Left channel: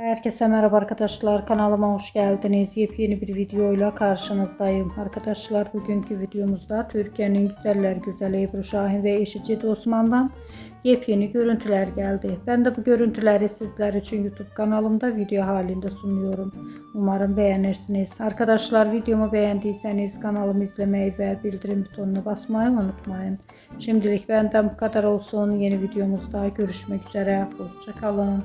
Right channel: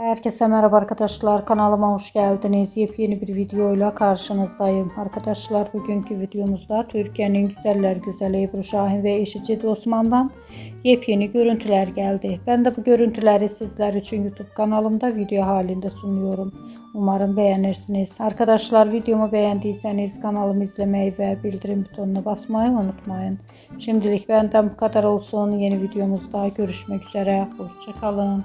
Herkese merhaba arkadaşlar, kanalıma hoş geldiniz. Yepyeni bir videoyla karşınızdayım. Arkadaşlar, bugünkü videomuzda Türkiye'nin güzeller güzeli Ebru Şahin ve eşi Cedi Osman'dan yepyeni görüntüler geldi. Ben de bu görüntüleri sizler için YouTube kanalımda video halinde sunuyorum. Umarım beğenirsiniz. Arkadaşlar, videomu beğendiyseniz kanalımı izlemeyi ve bildirim butonuna basmayı unutmayın. Şimdilik benden bu kadar olsun. Yeni videomuzda görüşmek üzere. Hoşça kalın.